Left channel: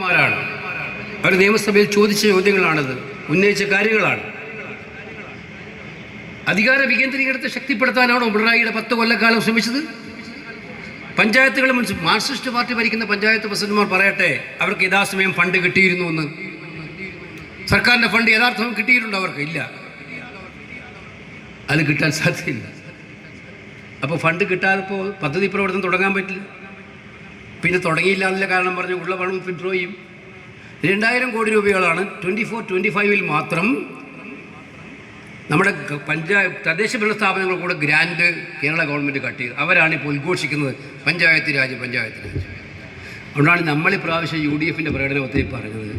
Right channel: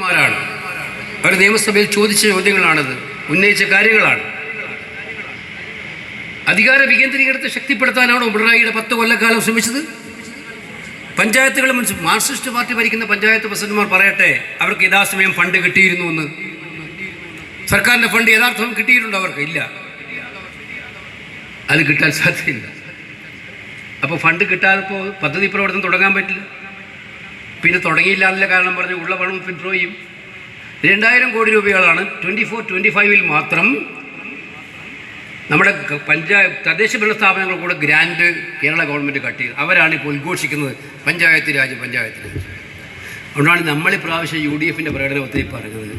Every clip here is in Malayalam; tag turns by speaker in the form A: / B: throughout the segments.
A: മാരാണ്? അവർ നിയമസഭയിൽ ചോദിച്ച ചോദ്യങ്ങളാണത് ഉന്നയിച്ച കാര്യങ്ങളാണ്. അധികാര വികേന്ദ്രീകരണത്തെ ശക്തിപ്പെടുത്താനാണോ പിണറായിയുടെ പത്ത് കൊല്ലക്കാലം ശ്രമിച്ചത്? പഞ്ചായത്തുകൾ മാർക്സിസ്റ്റ് പാർട്ടി ഭരിക്കുന്ന പഞ്ചായത്ത് പ്രസിഡന്റുമാർ പറയട്ടെ അവർക്ക് യഥാസമയം ഫണ്ട് കിട്ടിയിരുന്നു എന്ന്. സർക്കാരിന്റെ ഫണ്ട് യഥാർത്ഥം കിട്ടിയിട്ടുണ്ടോ അവർക്ക്? ഇല്ല. അത് കിട്ടാൻ സാധ്യതയില്ല. അപ്പോൾ ഫണ്ട് കിട്ടാതിപ്പോൾ പദ്ധതി പ്രവർത്തനം തുടങ്ങാൻ പറ്റില്ല. പിന്നെ തുടങ്ങിയില്ല എന്നുള്ള കാരണം പറഞ്ഞ് ഉള്ള പണം വിഡ്രോ ചെയ്യും. രണ്ടായിരം കോടി രൂപകളാണ് ട്വന്റി ഫോർ ട്വന്റി ഫൈവിൽ മാത്രം നമ്മുടെ പഞ്ചായത്ത് തദ്ദേശ ഭരണ സ്ഥാപനങ്ങൾ കൂടെ ഗ്രാൻഡ് കേരള ഗവൺമെന്റ് കട്ട് ചെയ്ത് അവരാണ് ഇപ്പോൾ ഉദ്ഘോഷിക്കുന്നത് പഞ്ചായത്ത് രാജ് പഞ്ചായത്ത് രാജ്. അതുകൊണ്ടാണ് നമ്മൾ ഇപ്രാവശ്യം യു ഡി എഫിന്റെ പ്രകടനത്തിൽ പറഞ്ഞത്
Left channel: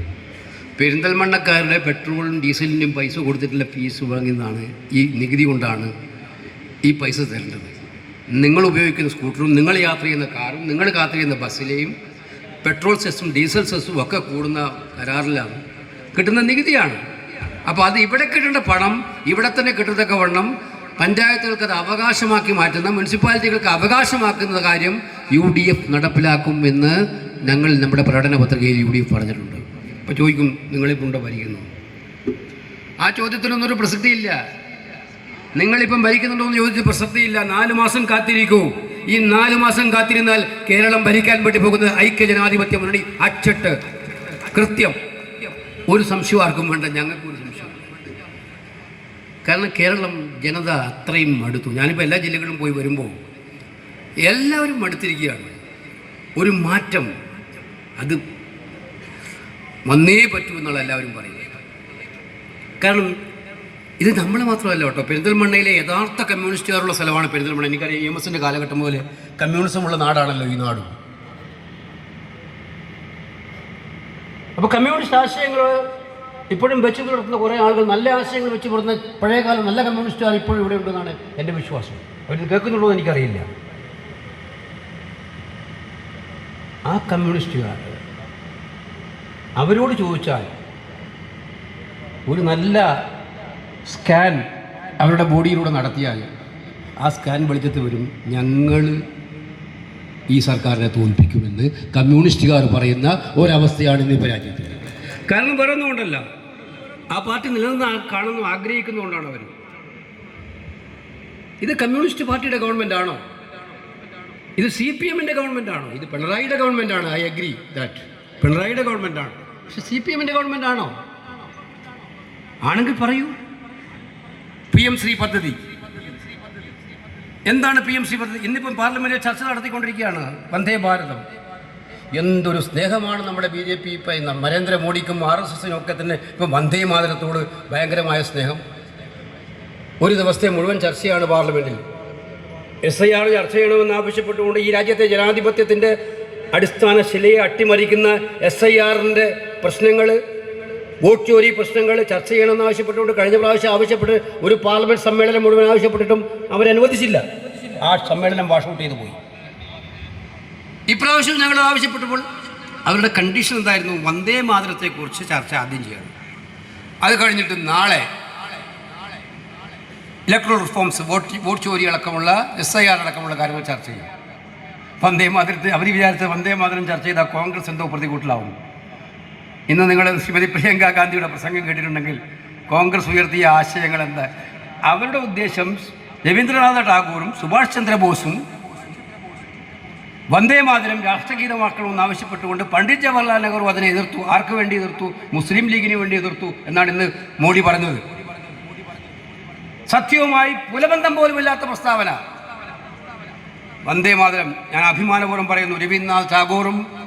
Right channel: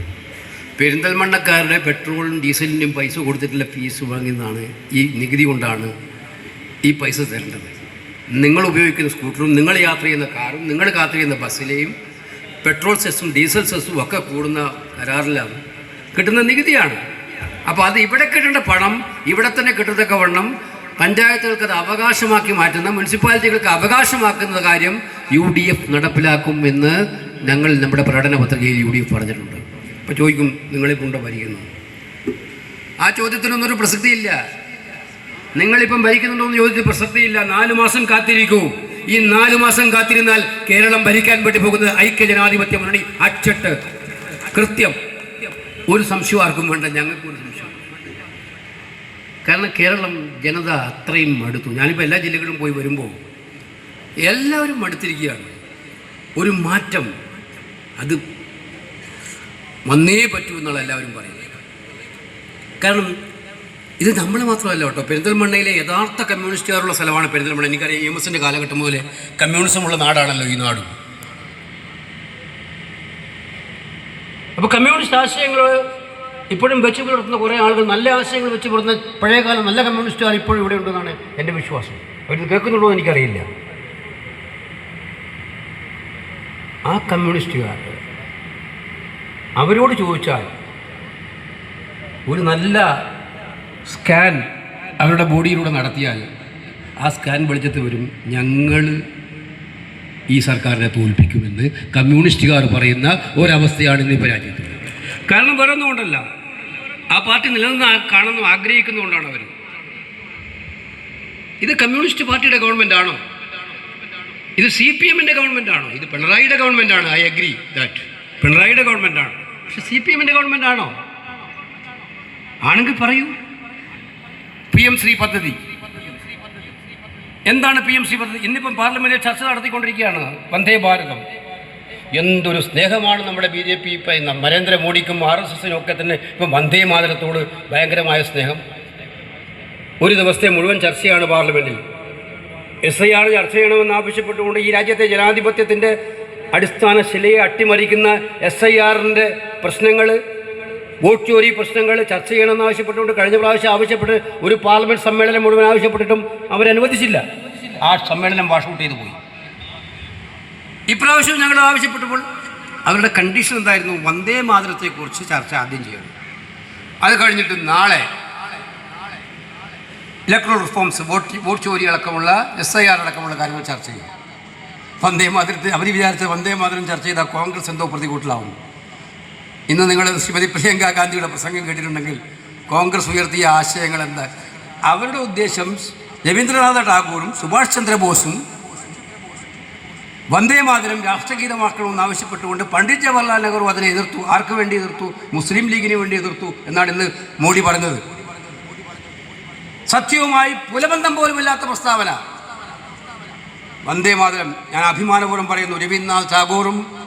A: പെരിന്തൽമണ്ണക്കാരുടെ പെട്രോളും ഡീസലിനും പൈസ കൊടുത്തിട്ടുള്ള ഫീസ് വാങ്ങുന്നതാണ് ഈ നികുതി കൊണ്ടാണ് ഈ പൈസ തരേണ്ടത്. നിങ്ങൾ ഉപയോഗിക്കുന്ന സ്കൂട്ടറും നിങ്ങൾ യാത്ര ചെയ്യുന്ന കാറും നിങ്ങൾ യാത്ര ചെയ്യുന്ന ബസ്സിലെയും പെട്രോൾ സെസ്സും ഡീസൽ സെസ്സും ഒക്കെ കൂടുന്ന കരാറിലാണ്. കിട്ടുന്ന നികുതിയാണ്. അപ്പോൾ അത് ഇവിടെ കിട്ടേണ്ട പണം ഇവിടെ തന്നെ കിട്ടത്തക്ക വണ്ണം പഞ്ചായത്തുകൾക്ക് അത് അവകാശമാക്കി മാറ്റുന്ന മുനിസിപ്പാലിറ്റികൾക്ക് അവകാശമാക്കുന്ന കാര്യം യു ഡി എഫ് നടപ്പിലാക്കും എന്ന് ഞങ്ങൾ നമ്മുടെ പ്രകടന പത്രികയിൽ യു ഡി എഫ് പറഞ്ഞിട്ടുണ്ട്. അപ്പോൾ ചോദിക്കും നിങ്ങളെ കൊണ്ടോ വരികയെന്ന്? ആ ചോദ്യത്തിനൊന്നും ഒരു പ്രസക്തിയില്ല. നിങ്ങളിപ്പം ഭരിക്കുന്നുണ്ടോ എന്ന് ചോദിച്ച പ്രസക്തിയില്ല നാലു മാസം കാത്തിരിക്കൂ. ഈ നാലു മാസം കാത്തിരുന്നാൽ കേരളം ഭരിക്കാൻ വേണ്ടി പോകുന്നത് ഐക്യജനാധിപത്യ മുന്നണി. അച്ചട്ട്. കൃത്യം. ഒരു സംശയം ആർക്കും വേണ്ട. ഞങ്ങൾക്ക് ഒരു സംശയം. കാരണം കേരളം ജനത അത്രയും മടുത്തു. ഞാനിപ്പോൾ എല്ലാ ജില്ലകളിലും പോയി വരുമ്പോൾ എല്ലാവരും മടുത്തിരിക്കുകയാണ്. ഒരു മാറ്റം. അത് വന്നേ പറ്റൂ എന്നുള്ള എല്ലാവരും പറയുന്നത് കാരണം ഇത് നമ്മൾ മാത്രമല്ല കേട്ടോ. പെരിന്തൽമണ്ണയിലെ യഥാർത്ഥ കമ്മ്യൂണിസ്റ്റുകാരുള്ള സ്ഥലമാണ് പെരിന്തൽമണ്ണ. എനിക്കറിയാം എം എസിന്റെ കാലഘട്ടം മുതലേ കമ്മ്യൂണിസമുള്ള നാടാണല്ലോ ഈ നാട്. അപ്പോൾ കമ്മ്യൂണിസ്റ്റ് ആശയങ്ങൾ ഇപ്പോഴും വെച്ച് പുലർത്തുന്ന കുറേ ആളുകൾ നല്ല ആശയങ്ങൾ വെച്ച് പുലർത്തുന്ന പഴയകാലം നല്ല കമ്മ്യൂണിസ്റ്റുകാർ ഇപ്പോഴും ഇവിടെ ഉണ്ടെന്നാണ് എന്റെ വിശ്വാസം. അവരിത് കേൾക്കുന്നുണ്ടോ എന്ന് എനിക്കറിയില്ല. ആ കമ്മ്യൂണിസ്റ്റുകാർ അവരോട് ചോദിച്ചാൽ ഒരു നല്ല സ്കാൻ അവരുടെ ബോഡിയിലൂടെ നടത്തിയാൽ ആ സ്കാൻ വെളിച്ചത്ത് വരും. ഞങ്ങൾ ഈ സർക്കാരിനെ തോൽപ്പിക്കുമെന്ന് കമ്മ്യൂണിസ്റ്റുകാർ പറയുന്ന ഒരവസ്ഥയാണ് ഇന്ന് ഇപ്പോൾ രാജ്യത്ത്. കാരണം വേറെ ഒന്നുകൊണ്ടല്ല ആ പാർട്ടി നിലനിന്ന് കാണുന്നു ആഗ്രഹിക്കുന്നതുകൊണ്ടാണ് അവർ ഇത് കമ്മ്യൂണിസ്റ്റ് പാർട്ടിയുടെ ഗവൺമെന്റ് ആണോ ഇത് സി പി എമ്മിന്റെ ഗവൺമെന്റ് ആണോ ഇത് പിണറായിയുടെ ഗവൺമെന്റ് ആണ് ഐ അഗ്രി ദാറ്റ്. പിണറായിയുടെ ഗവൺമെന്റ് ആണ് പക്ഷെ സി പി എമ്മിന്റെ ഗവൺമെന്റ് ആണോ ആണെങ്കിൽ പറയൂ. പി എം ശ്രീ പദ്ധതി. എന്താണ് പി എം ശ്രീ പദ്ധതി? ഇന്നിപ്പം പാർലമെന്റിൽ ചർച്ച നടത്തിക്കൊണ്ടിരിക്കുകയാണ് വന്ദേ ഭാരതം. എന്തൊരു സ്നേഹമാണ് നമ്മുടെ ബി ജെ പി ഇപ്പം നരേന്ദ്രമോദിക്കും ആർ എസ് എസിനും ഒക്കെ തന്നെ ഇപ്പം വന്ദേ മാതരത്തോട് ഭയങ്കരമായ സ്നേഹം. ഒരു ദിവസത്തെ മുഴുവൻ ചർച്ചയാണ് പാർലമെന്റിൽ. എസ് ഐ ആർ ചർച്ച ചെയ്യണമെന്ന് ആവശ്യപ്പെട്ടുകൊണ്ട് ഈ രാജ്യത്തെ ജനാധിപത്യത്തിന്റെ അടിസ്ഥാന ശിലയെ അട്ടിമറിക്കുന്ന എസ് ഐ ആറിന്റെ പ്രശ്നങ്ങൾ വോട്ട് ചോരി പ്രശ്നങ്ങൾ ചർച്ച ചെയ്യണമെന്ന് ആവശ്യപ്പെട്ടുകൊണ്ട് കഴിഞ്ഞ പ്രാവശ്യം ആവശ്യപ്പെട്ട് ഒരു പാർലമെന്റ് സമ്മേളനം മുഴുവൻ ആവശ്യപ്പെട്ടിട്ടും അവരനുവദിച്ചില്ല. ആ സമ്മേളനം വാഷ് ഔട്ട് ചെയ്തു പോയി. ഇപ്രാവശ്യം ഞങ്ങൾ ആവശ്യപ്പെട്ടപ്പോൾ അവരുടെ കണ്ടീഷൻ എന്തായിരുന്നു? വന്ദേ മാതരത്തെക്കുറിച്ച് ചർച്ച ആദ്യം ചെയ്യണം. അത് കഴിഞ്ഞിട്ട് നാളെ ഇലക്ട്രൽ റിഫോംസ് വോട്ട് വോട്ട് ചോരി അടക്കമുള്ള എസ് ഐ ആർ അടക്കമുള്ള കാര്യങ്ങൾ ചർച്ച ചെയ്യും. വന്ദേ മാതരത്തെ അവർ വിചാരിച്ച വന്ദേ മാതരം ചർച്ച ചെയ്താൽ കോൺഗ്രസ് എന്തോ പ്രതികൂട്ടിലാവുന്നു. ഇന്ന് നിങ്ങൾ ശ്രീമതി പ്രിയങ്ക ഗാന്ധിയുടെ പ്രസംഗം കേട്ടിട്ടുണ്ടെങ്കിൽ കോൺഗ്രസ് ഉയർത്തിയ ആശയങ്ങൾ എന്താ? അവരുടെ ഉദ്ദേശം രവീന്ദ്രനാഥ ടാഗോറും സുഭാഷ് ചന്ദ്രബോസും വന്ദേ മാതരം രാഷ്ട്രഗീതമാക്കണമെന്ന് ആവശ്യപ്പെട്ടുകൊണ്ട് പണ്ഡിറ്റ് ജവഹർലാൽ നെഹ്റു അതിനെ എതിർത്തു. ആർക്ക് വേണ്ടി എതിർത്തു? മുസ്ലിം ലീഗിന് വേണ്ടി എതിർത്തു എന്നാണ് ഇന്ന് മോഡി പറഞ്ഞത്. സത്യവുമായി പുലബന്ധം പോലുമില്ലാത്ത പ്രസ്താവന. വന്ദേ മാതരം ഞാൻ അഭിമാനപൂർവം പറയുന്നു രവീന്ദ്രനാഥ് ടാഗോറും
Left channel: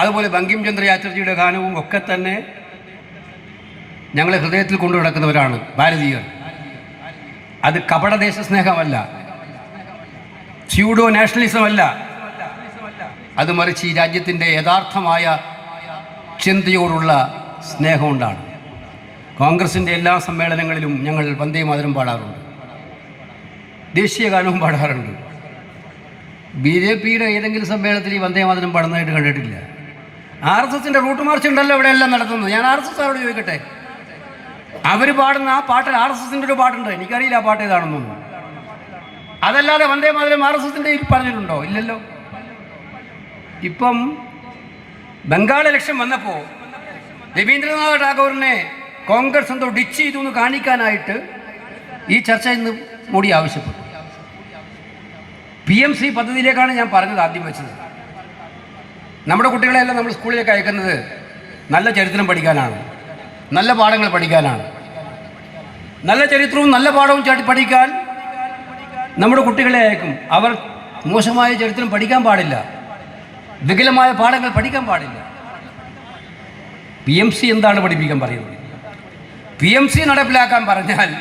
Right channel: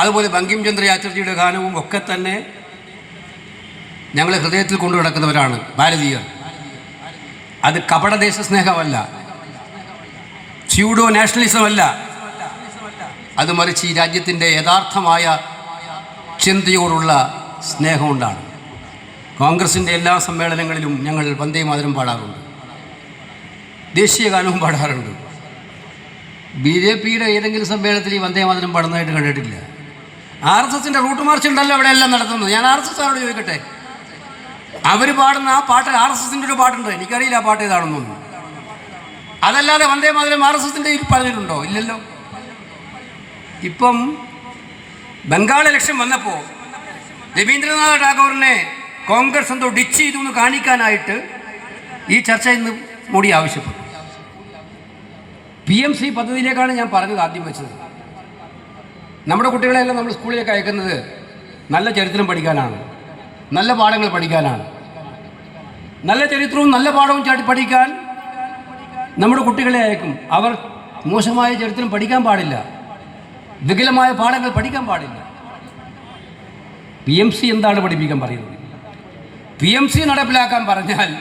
A: അതുപോലെ ബങ്കിംചന്ദ്ര ചാറ്റർജിയുടെ ഗാനവും ഒക്കെ തന്നെ ഞങ്ങളെ ഹൃദയത്തിൽ കൊണ്ടു നടക്കുന്നവരാണ് ഭാരതീയർ. അത് കപടദേശ സ്നേഹമല്ല. സ്യൂഡോ നാഷണലിസം അല്ല. അത് മറിച്ച് ഈ രാജ്യത്തിന്റെ യഥാർത്ഥമായ ചിന്തയോടുള്ള സ്നേഹം കൊണ്ടാണ്. കോൺഗ്രസിന്റെ എല്ലാ സമ്മേളനങ്ങളിലും ഞങ്ങൾ വന്ദേ മാതരം പാടാറുണ്ട്. ദേശീയ ഗാനവും പാടാറുണ്ട്. ബി ജെ പിയുടെ ഏതെങ്കിലും സമ്മേളനത്തിൽ ഈ വന്ദേ മാതരം പാടുന്നതായിട്ട് കണ്ടിട്ടില്ല. ആർ എസ് എസിന്റെ റൂട്ട് മാർച്ച് ഉണ്ടല്ലോ അവിടെ എല്ലാം നടത്തുന്നത് ഞാൻ ആർ എസ് എസ് ആരോട് ചോദിക്കട്ടെ? അവർ പാടുന്ന ആ പാട്ടിൽ ആർ എസ് എസിന്റെ ഒരു പാട്ടുണ്ട്. എനിക്കറിയില്ല ആ പാട്ട് ഏതാണെന്നൊന്നും അതല്ലാതെ വന്ദേ മാതരം ആർ എസ് എസിന്റെ പറഞ്ഞിട്ടുണ്ടോ? ഇല്ലല്ലോ. ഇപ്പം ബംഗാൾ ഇലക്ഷൻ വന്നപ്പോൾ രവീന്ദ്രനാഥ് ടാഗോറിനെ കോൺഗ്രസ് എന്തോ ഡിച്ച് ചെയ്തു എന്ന് കാണിക്കാനായിട്ട് ഈ ചർച്ച ഇന്ന് മോഡി ആവശ്യപ്പെട്ടു. പി എം സി പദ്ധതിയിലേക്കാണ് ഞാൻ പറഞ്ഞത് ആദ്യം വെച്ചത്. നമ്മുടെ കുട്ടികളെല്ലാം നമ്മൾ സ്കൂളിലേക്ക് അയക്കുന്നത് നല്ല ചരിത്രം പഠിക്കാനാണ്. നല്ല പാഠങ്ങൾ പഠിക്കാനാണ്. നല്ല ചരിത്രവും നല്ല പാഠവും ചാടി പഠിക്കാൻ നമ്മുടെ കുട്ടികളെ അയക്കും. അവർ മോശമായ ചരിത്രം പഠിക്കാൻ പാടില്ല. വികലമായ പാഠങ്ങൾ പഠിക്കാൻ പാടില്ല. പി എം സി എന്താണ് പഠിപ്പിക്കാൻ പറയുന്നത്? പി എം സി നടപ്പിലാക്കാൻ പറഞ്ഞാൽ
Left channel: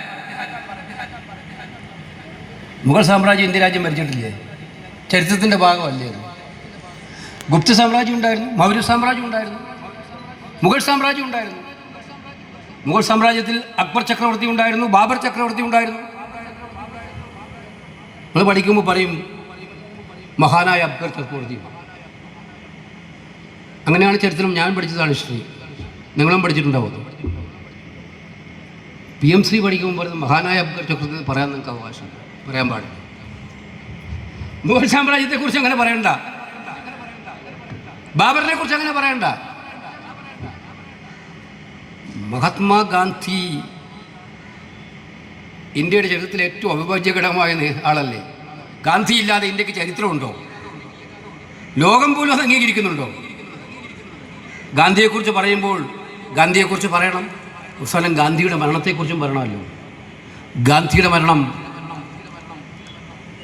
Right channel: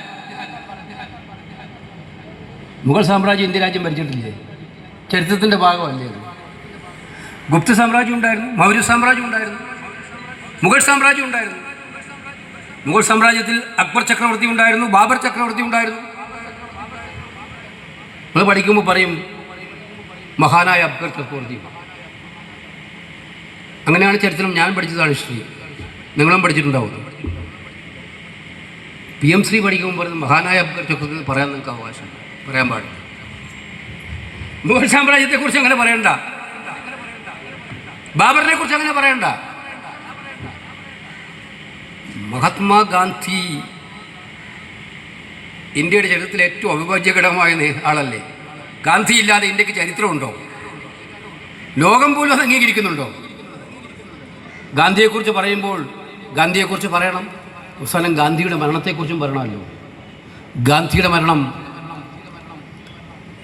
A: മുഗൾ സാമ്രാജ്യം ഇന്ത്യ രാജ്യം ഭരിച്ചിട്ടില്ലേ? ചരിത്രത്തിന്റെ ഭാഗമല്ലേ അത്? ഗുപ്ത സാമ്രാജ്യം ഉണ്ടായിരുന്നു മൗര്യ സാമ്രാജ്യം ഉണ്ടായിരുന്നു മുഗൾ സാമ്രാജ്യം ഉണ്ടായിരുന്നു. മുഗൾ സാമ്രാജ്യത്തിൽ അക്ബർ ചക്രവർത്തി ഉണ്ടായിരുന്നു ബാബർ ചക്രവർത്തി ഉണ്ടായിരുന്നു. നമ്മൾ പഠിക്കുമ്പോൾ പറയും മഹാനായ അക്ബർ ചക്രവർത്തി. അങ്ങനെയാണ് ചരിത്രം. ഞാൻ പഠിച്ചതാണ് ഹിസ്റ്ററി. നിങ്ങളും പഠിച്ചിട്ടുണ്ടാവും പി എം ശ്രീ പഠിക്കുമ്പോൾ പറയുന്നത് മഹാനായ അക്ബർ ചക്രവർത്തി പറയാൻ നിങ്ങൾക്ക് അവകാശം പറയാൻ പാടില്ല. മുഗൾ സാമ്രാജ്യത്തെക്കുറിച്ച് അങ്ങനെ പറയണ്ട. ബാബറിനെ കുറിച്ച് അങ്ങനെ പറയണ്ട. മഹാത്മാഗാന്ധി ഇന്ത്യയുടെ ചരിത്രത്തിലെ ഏറ്റവും അവിഭാജ്യഘടകമായ ആളല്ലേ? ഗാന്ധി ഇല്ലാതെ ഇന്ത്യയ്ക്ക് ചരിത്രമുണ്ടോ? ലോകം പോലും അത് അംഗീകരിക്കുന്നുണ്ടോ? ഗാന്ധിയെക്കുറിച്ച് പറയുമ്പോൾ ഗാന്ധിയെക്കുറിച്ച് പറയണം. അവസാനം ഗാന്ധിയുടെ മരണത്തെക്കുറിച്ചും പറയണമല്ലോ. ഗാന്ധിയുടെ മരണം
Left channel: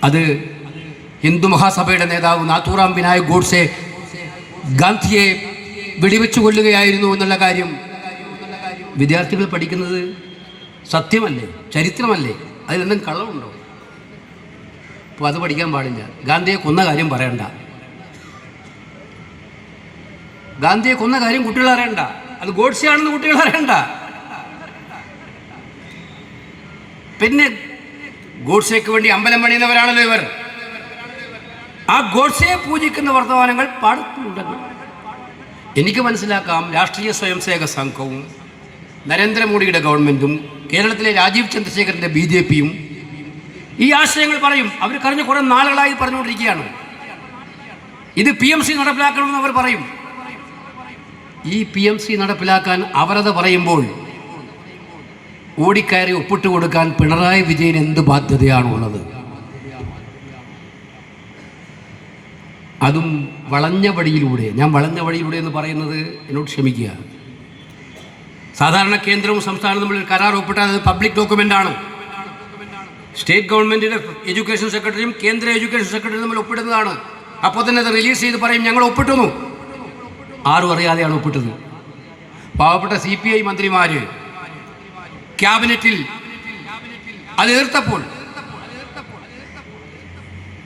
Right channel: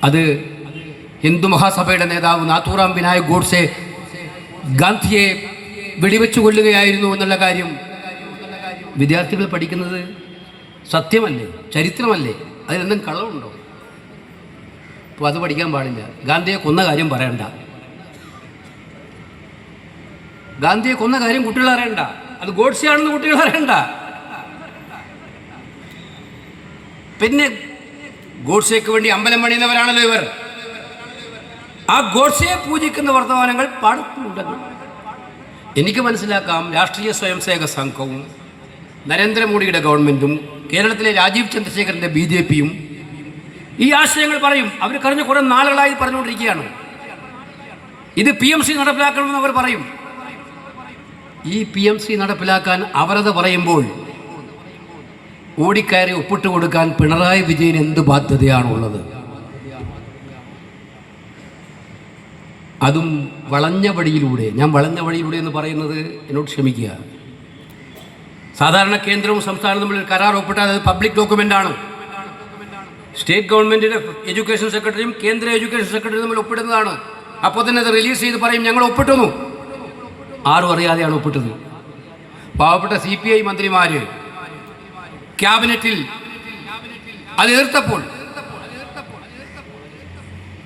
A: അത് ഹിന്ദു മഹാസഭയുടെ നേതാവ് നാഥൂറാം വിനായക് ഗോഡ്സെ ഗാന്ധിയെ വെടിവെച്ചു കൊല്ലുകയായിരുന്നു എന്നുള്ള കാര്യം വിദ്യാർത്ഥികൾ പഠിക്കുന്നത് സത്യമല്ലേ? ചരിത്രമല്ലേ? അതിലെന്തെങ്കിലും കള്ളമുണ്ടോ? അപ്പോൾ അത് പഠിക്കാൻ പാടില്ല. ഗാന്ധിയെ കൊന്ന കാര്യം പറയണ്ട. ഗാന്ധിയെ കൊന്ന കാര്യം കുട്ടികൾ അറിയണ്ട. അത് ഗോഡ്സിയാണെന്ന് കുട്ടികൾ അറിയണ്ട. പിന്നെ ഗോഡ്സേക്ക് വേണ്ടി അമ്പലം പണിയുന്നവരാണല്ലോ ഇവർ. ആ ഗോഡ്സയെ പൂജിക്കുന്ന വർത്തമാനങ്ങൾ പടത്തിലുണ്ടെന്ന് എനിക്ക് മനസ്സിലാക്കാം രാഷ്ട്രീയ സ്വയംസേവക സംഘവും നരേന്ദ്രമോദിയുടെ ഗവൺമെന്റും കേരളത്തിലെ രാജീവ് ചന്ദ്രശേഖരന്റെ ബി ജെ പിയും ഈ ആശയങ്ങൾ പറയും. അവർ കഴിഞ്ഞ കുറേ നാളുകളായി പറഞ്ഞുകൊണ്ടിരിക്കുകയാണ്. ഇത് പി എം സി നടപ്പിലാക്കണമെന്ന് അവർ പറയും. ഈ പി എം സി നടപ്പിലാക്കാൻ അവരത് പറയുമ്പോൾ ഓടിക്കയറി ഒപ്പിട്ട് കൊടുക്കാൻ പിണറായി വിജയൻ എന്ത് ബാധ്യതയാണുള്ളത്? അതും വളഞ്ഞ വഴിയിലൂടെ. ഞാൻ വളഞ്ഞ വഴിയിലൂടെ എന്ന് പറയുന്നത് എന്നോട് ക്ഷമിക്കുക. സാധാരണ കേന്ദ്രവും സംസ്ഥാനവും തമ്മിൽ കരാർ ഒപ്പിട്ടാൽ അത് പബ്ലിക് ഡോക്യുമെന്റ് ആണ്. സ്റ്റേറ്റ് ഗവൺമെന്റിന്റെ എഡ്യൂക്കേഷൻ സെക്രട്ടറിയും കേന്ദ്ര എഡ്യൂക്കേഷൻ സെക്രട്ടറിയും തമ്മിൽ ഒപ്പിടുന്നതാണ്. അപ്പോൾ തന്നെ അത് റിലീസ് ചെയ്ത് പറയും ഞങ്ങൾ ഒപ്പിട്ടുന്നു. ആരും അറിയാതെയാണ് ഒപ്പിട്ടത്. പാവപ്പെട്ട സി പി ഐ മന്ത്രിമാർ ക്യാബിനറ്റിൽ അത് എതിർത്തപ്പോൾ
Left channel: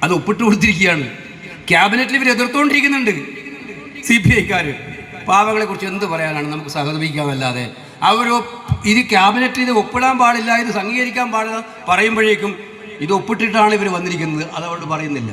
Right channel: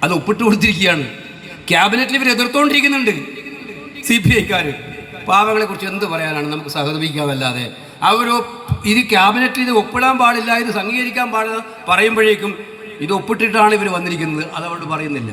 A: അത് ഒപ്പിട്ട് കൊടുത്തിരിക്കുകയാണ് ക്യാബിനറ്റിൽ ഇവർ എതിർത്തുകൊണ്ടിരിക്കുന്നുണ്ട് സി പി ഐക്കാർ പാവങ്ങളെ കുറിച്ച് എന്ത് പറയാനാണ് നമുക്ക് സഹതപിക്കാമല്ലാതെ അവർ ഇത് ക്യാബിനറ്റിൽ ഇത് ഒപ്പിടാൻ പാടില്ല ഇത് സംഗീകരിക്കാൻ പാടില്ല പറയുമ്പോഴേക്കും ഇത് ഒപ്പിട്ടിട്ടാണ് ഇവർ വന്നിരിക്കുന്നത്. അതുകൊണ്ട് പറയുന്നില്ല.